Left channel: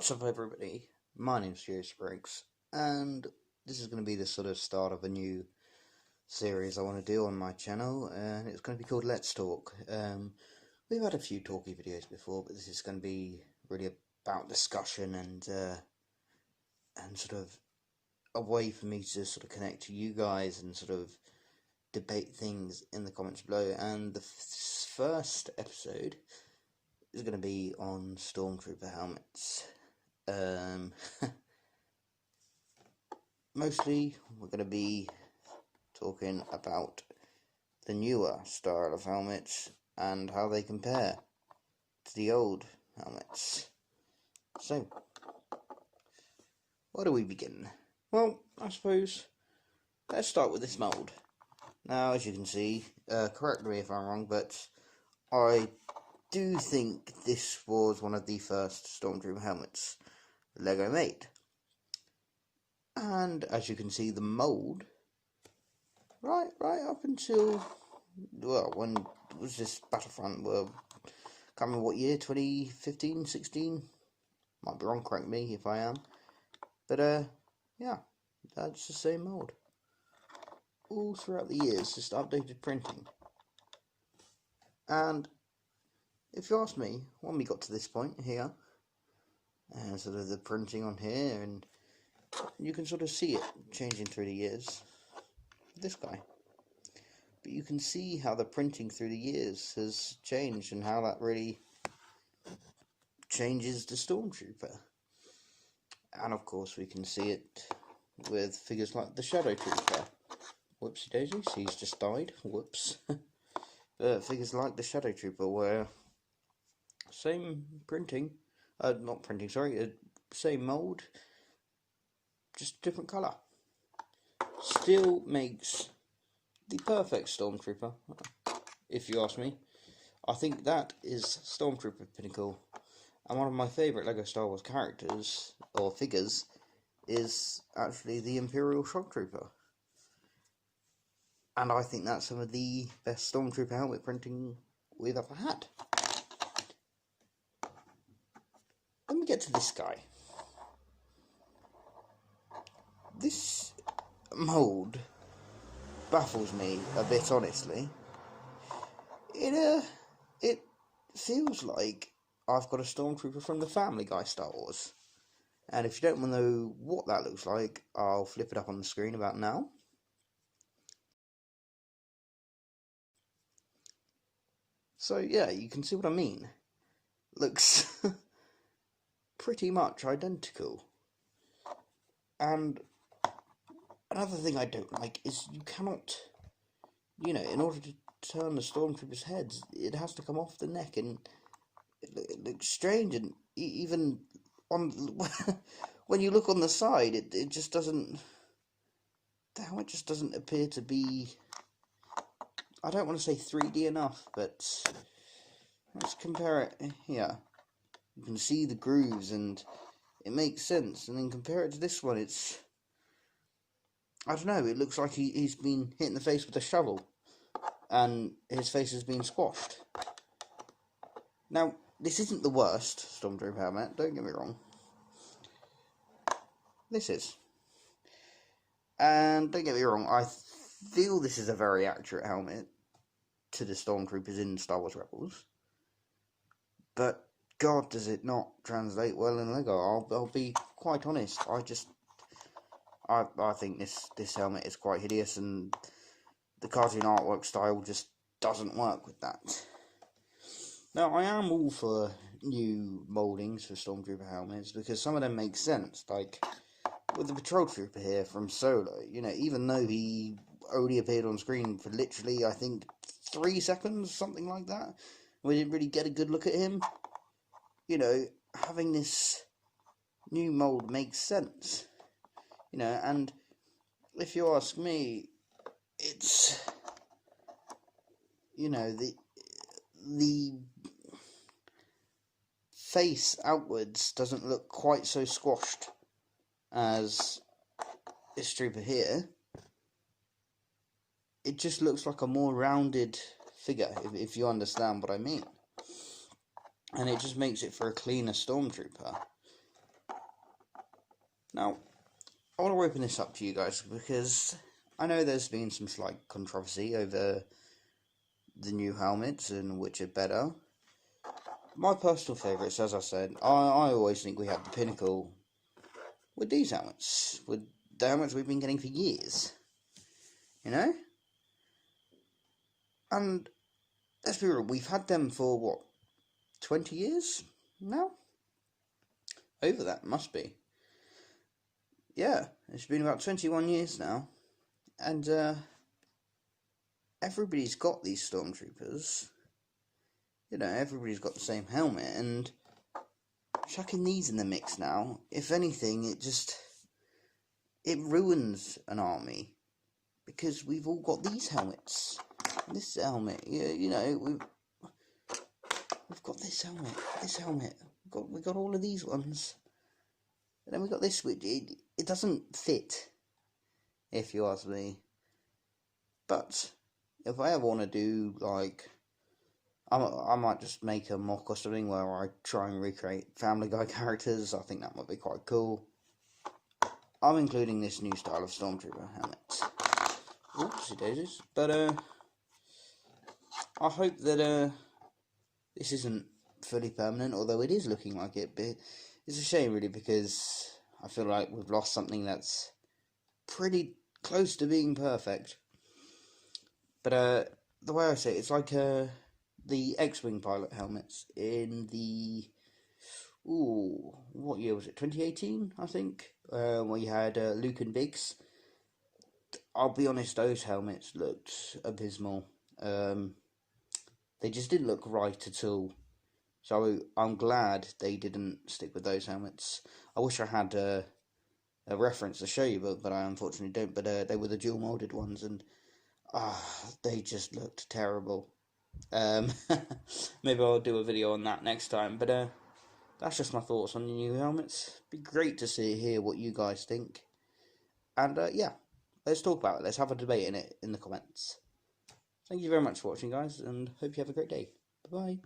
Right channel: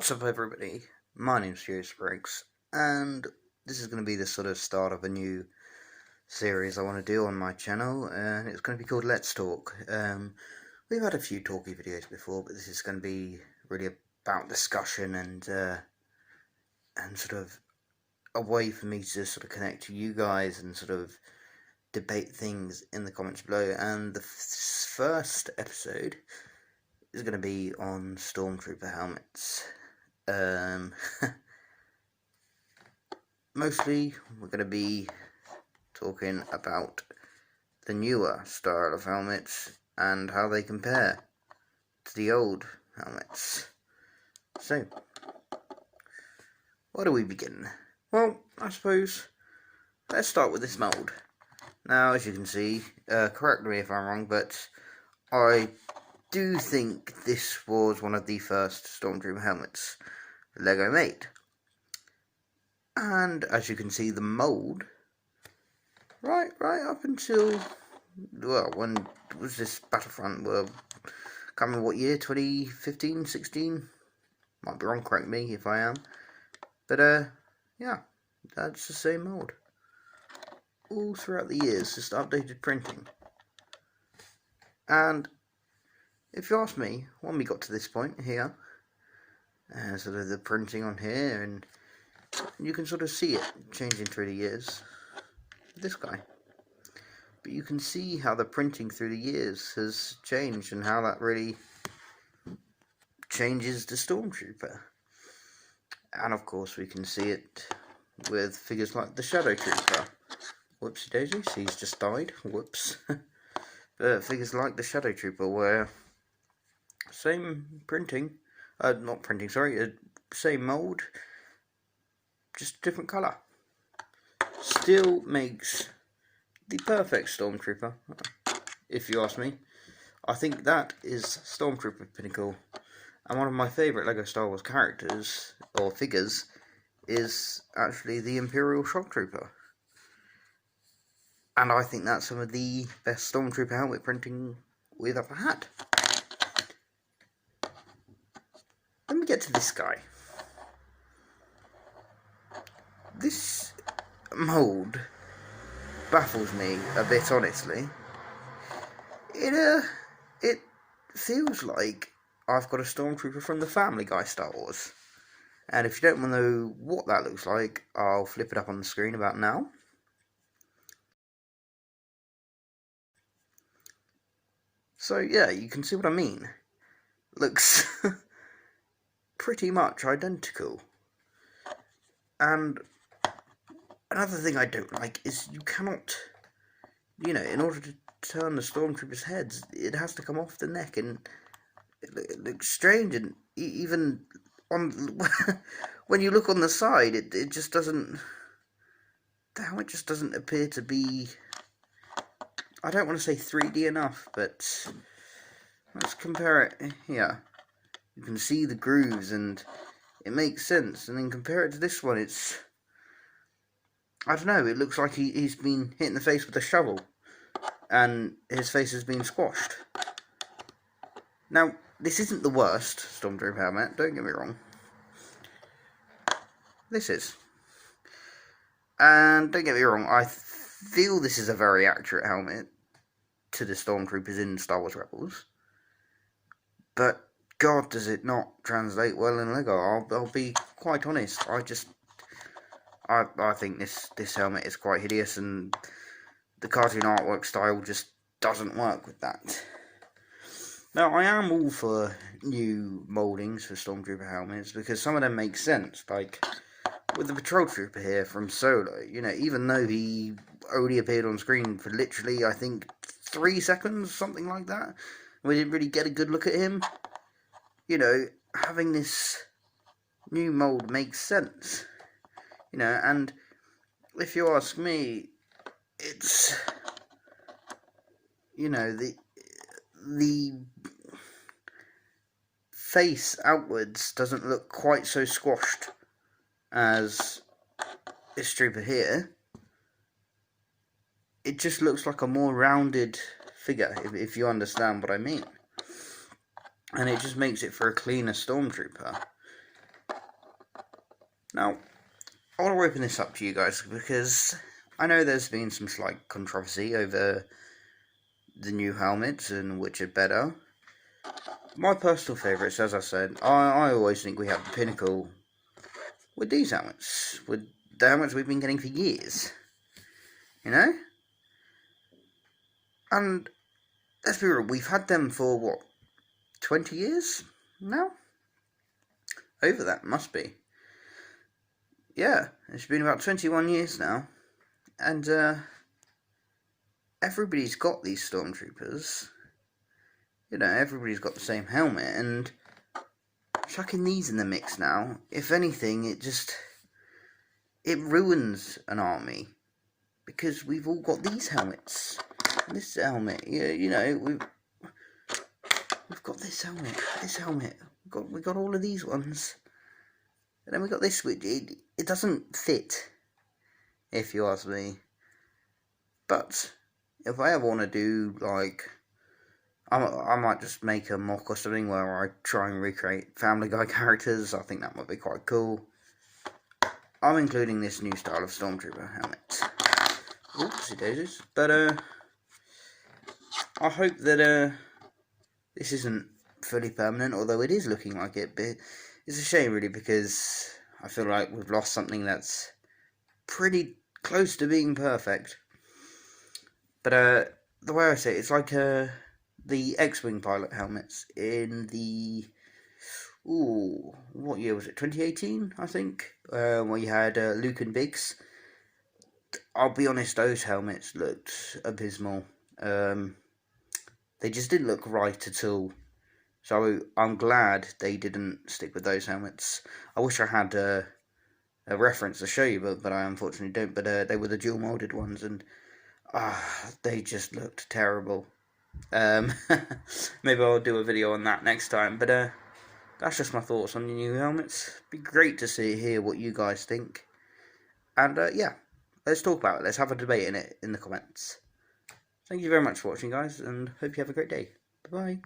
What's up, everybody? My name's Serious Breaks, and this is going to be the sort of start of a new series I want to do on my channel, and it's going to be called Let's Talk. We've had a few talky videos before, but this is going to be really about discussion and sort of a way for me to sort of connect to you guys and sort of debate things in the comments below. And the first episode is going to be on Stormtrooper Helmets. Mostly we're going to be talking about the newer style of helmets and how they compare to the old helmets. So, where do we begin? Well, I suppose let's start with this mould. Now, as you can see, correct me if I'm wrong, but I do think this was one of the first Stormtrooper helmets Lego made. And as you can see, the mould, right up until, well, when was this Battlefront? Well, can't remember what year, 2015, 16? Might be wrong, correct me if I am. But, yeah, that's the same mould. All throughout the years, just updated printing. And if you ask me, when we got to this point here, sort of the printing on here, and you can sort of see it changing through the years. This guy. But you can see how the printing through the years has changed and how that really changes the Stormtrooper. And of course we can see it with figures like the Shadow Trooper. Whoopsie daisy, he's just died. Whoops. But figures like the Shadow Trooper, where same printing, not printing, sorry, same mould, just different colour. Still makes the perfect Stormtrooper, if you ask me. I think that is Stormtrooper pinnacle. And one of my favourite LEGO Star Wars characters, or figures, is actually the Imperial Shock Trooper. And I think that's some of the best Stormtrooper helmet printing we've ever had. Let me get to this guy. This mould baffles me a bit, honestly. It feels like I've got a Stormtrooper from the Family Guy Star Wars. And if you don't want to know what that looks like, I'll flip it up on the screen about now. So yeah, you can see what I mean. Looks pretty much identical. And another thing I don't like is you cannot, in order to turn the Stormtrooper's heads, it has to come off the neck, and it looks strange, and even on when you look on the side, it just doesn't, the helmet just doesn't appear to be, I don't want to say 3D enough, but let's compare it here. You can see the grooves, and it makes sense, and then compare it to this one, it's, I don't know, it looks like he's been hit in the face with a shovel, and his face has been squashed. Now, this isn't the worst Stormtrooper helmet, don't get me wrong. This is. And don't get me wrong, I feel this is a very accurate helmet to the Stormtroopers in Star Wars Rebels. But God, does it not translate well in LEGO. I'll be quite honest. I think this helmet is quite hideous, and the cartoon artwork style just doesn't work with that. Now, I am all for new mouldings for Stormtrooper helmets, because some of them make sense, like with the Patrol Trooper here from Solo. Even though he only appeared on screen for literally, I think, 3 seconds, something like that, we didn't really get a good look at him. Having this new mould makes sense. And if you ask me, it's, the face outwards doesn't look quite so squashed as this trooper here. It just looks like a more rounded figure, if you understand what I mean. And it just makes it for a cleaner Stormtrooper. Now, I want to open this up to you guys because I know there's been some slight controversy over the new helmets and which are better. My personal favourites, as I said, I always think we have the pinnacle with these helmets, with the helmets we've been getting for years, you know? And let's be real, we've had them for what, 20 years now? Over that, must be. Yeah, it's been about 21 years now, and everybody's got these Stormtroopers. You know, everybody's got the same helmet, and chucking these in the mix now, if anything, it ruins an army, because we've all got these helmets. This helmet, you know, we've got this helmet, we've got all of these ones, and then we got this, which it doesn't fit, if you ask me. But if I ever want to do, like, I might just make a mock or something where I try and recreate Family Guy characters. I think that might be quite cool. I'm including this new style of Stormtrooper helmet. Oopsie daisies. But I hope that this isn't fully permanent, although it is looking like it. But it's a shame, really, because I feel like we've lost something that's pretty close to being perfect. But the way I say it, it's like the X-Wing pilot helmets in the, what year was it, 2018, I think, where you had Luke and Biggs. I'll be honest, those helmets looked abysmal. They just didn't look right at all. So I'm glad they didn't stick with those helmets. I wish I had a reference to show you, but I unfortunately don't. But they were the dual molded ones, and they just looked terrible. Maybe I'll do a video on that next time, but that's just my thoughts on the new helmets. Be great to hear what you guys think, and yeah, let's talk about it. Let's have a debate in the comments. Thank you very much for watching, guys, and hope you have a great day. Bye bye.